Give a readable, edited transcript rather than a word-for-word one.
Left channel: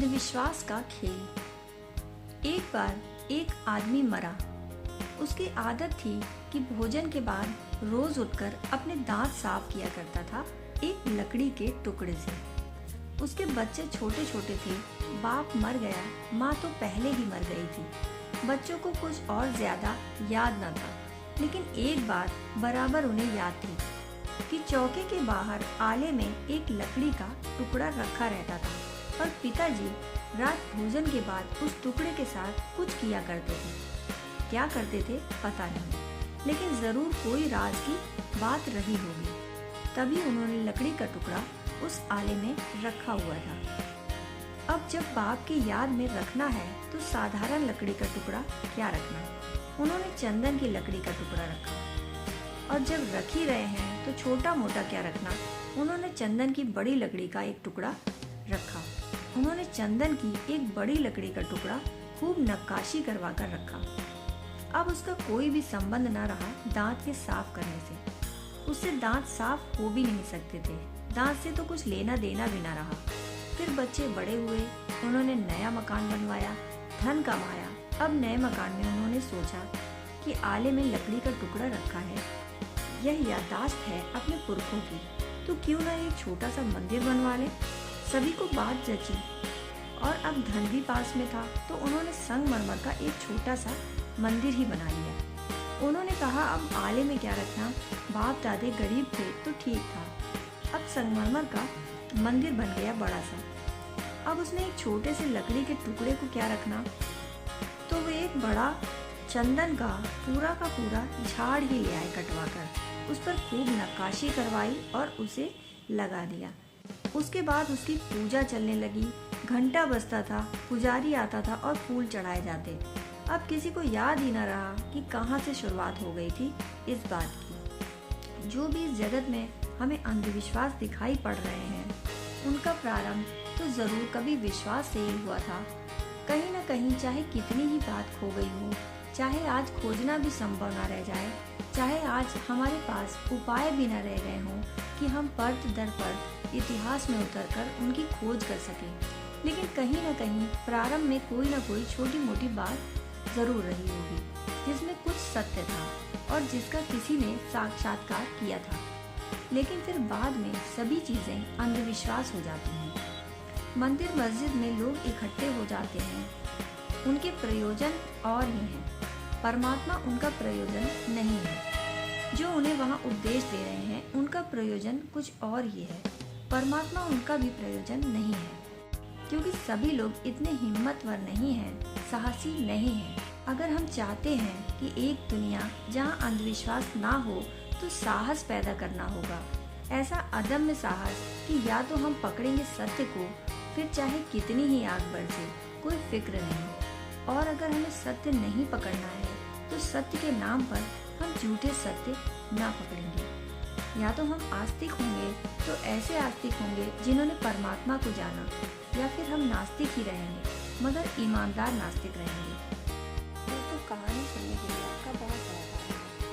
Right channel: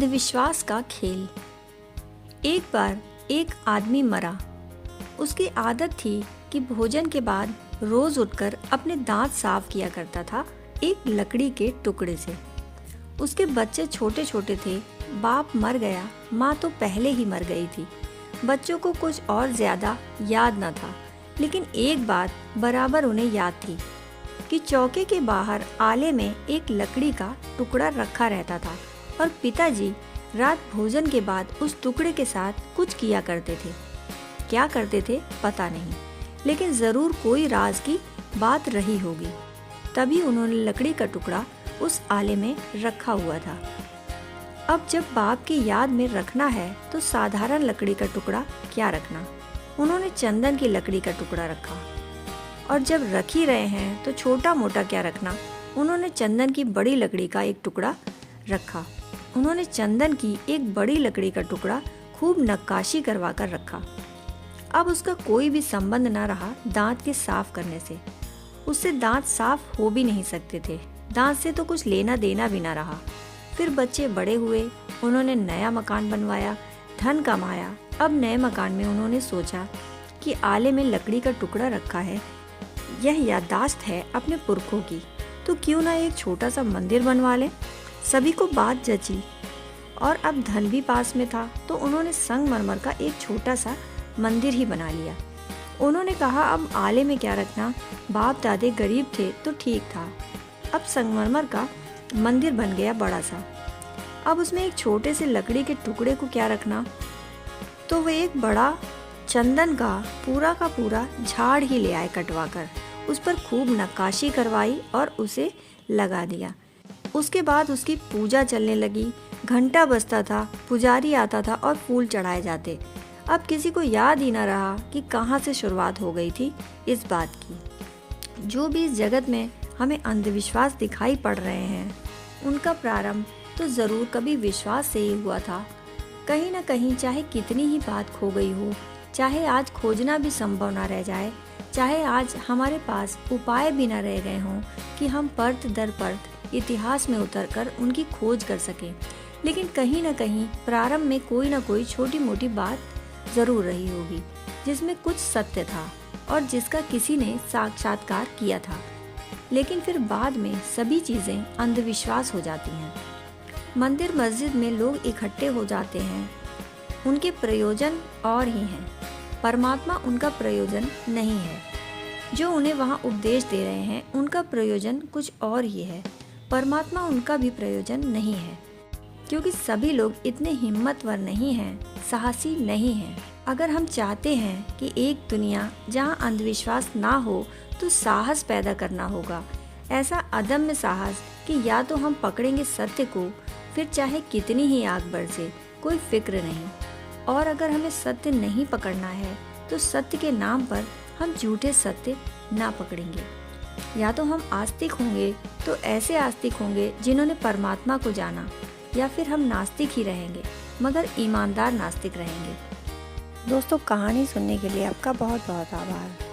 अंधविश्वास का खेल। एक बार एक आदमी मरा। उसकी आदत थी कि भोजन के बाद रोज उठकर अपने दांत साफ किया करता था एक लकड़ी के टुकड़े से। उसके बच्चे छोटे छोटे थे। बाप मर गया, माँ तो पहले ही मर गई थी। बच्चों को कुछ और ज्यादा याद न था, लेकिन एक बात बराबर उन्हें याद थी कि चौके के बाहर आले में एक लकड़ी का टुकड़ा रखा रहता था और पिताजी रात भोजन के बाद उस टुकड़े के साथ कुछ किया करते थे। क्या करते थे पता नहीं, लेकिन जरूर कोई राज की बात रही होगी। तभी उन्होंने लकड़ी का टुकड़ा उस आले में रखा हुआ था। अब जब बाप की याद में रखना है तो साधारण लकड़ी का टुकड़ा क्या रखना, उन्होंने चंदन की लकड़ी का टुकड़ा रखा। और जब रख ही रहे हैं तो छोटा मोटा क्या रखना, उन्होंने चंदन की बड़ी लकड़ी का एक टुकड़ा रखा। उन्होंने चंदन की एक बड़ी लकड़ी का टुकड़ा खूब नक्काशी करवा कर रखा। अब उसका कोई भी संबंध न रहा दांत के साफ करने से। उससे दांत साफ हो भी नहीं सकते थे। दांत से तो कुछ लेना देना भी न रहा। फिर बच्चे बड़े हुए, उन्होंने नया मकान बनवाया, धन कमाया। अब नए मकान में उन्होंने सोचा कि आले में लकड़ी का टुकड़ा रखा है, यह याददाश्त है अपने पुरखों की, तो क्यों ना एक छोटा सा मंदिर बनवा लें। सभी को बात जची और अब धन भी पास में था, तो उन्होंने संगमरमर का एक छोटा सा मंदिर ही बना लिया। उन्होंने कहा अब आले में क्या रखना, बाप दादे गरीब थे तो ठीक था। अब संगमरमर का मंदिर बन गया बड़ा सा। अब उसमें एक छोटे से लकड़ी के टुकड़े को क्या रखना, तो वे एक बड़ा चंदन का पूरा झाड़ ही ले आए कटवा कर। उस पर खूब नक्काशी करवाई और उसे लगा दिया। उसके बाद उसकी पूजा चलने लगी। घंटा बजता था, पुजारी आता था और फूल चढ़ाए जाते। अब किसी को याद ही न रहा कि कहाँ से शुरुआत हो गई थी इस बात की। जो भी इस जगत में हमें अंधविश्वास दिखाई पड़ रहे हैं, उनका प्रारंभ तो जरूर कभी विश्वास से ही हुआ था। कहीं न कहीं चाहे कितनी ही बात खो गई हो, चाहे आज खोजना भी संभव न रह जाए, चाहे आज हमारे पास उपाय भी न रह गए हों कि हम परत दर परत इतिहास में उतरकर उनकी खोज कर सकें, लेकिन कहीं न कहीं प्रारंभ में कोई न कोई छोटी मोटी बात जरूर रही होगी जिसमें कुछ सत्य था और जिसका किसी ने साक्षात्कार किया था। लेकिन फिर बाद में सभी चीजें अंधविश्वास हो जाती हैं। मंदिर मस्जिद में लोग इकट्ठे हो जाते हैं, उनके प्रयोजन और ही हैं। परमात्मा उनका प्रयोजन नहीं है। जो उन्हें वहाँ उपदेश दे रहे हैं, उनका प्रयोजन कुछ और ही है। परमात्मा उनका भी प्रयोजन नहीं है, क्योंकि सभी लोग इतने हिम्मतवर नहीं हैं, साहसी नहीं हैं। अगर हम चाहते हैं कि एक दुनिया जहाँ अंधविश्वास ना हो, तो साहस पैदा करना होगा। ऐसा अदम्य साहस कि या तो हम पकड़ेंगे सत्य को, फिर चाहे कितनी ही आग बरसे, कोई फिक्र नहीं। और अगर हमें सत्य नहीं पकड़ना है, तो सत्य के नाम पर हम झूठे सत्य ना पकड़ेंगे। या तो हम आस्तिक होंगे तो ऐसे आस्तिक होंगे जिन्होंने परमात्मा को जाना, या फिर हम नास्तिक ही रहेंगे मगर ईमानदार नास्तिक रहेंगे। दोस्तों, कहानी सुनने के लिए आपका बहुत बहुत आभार।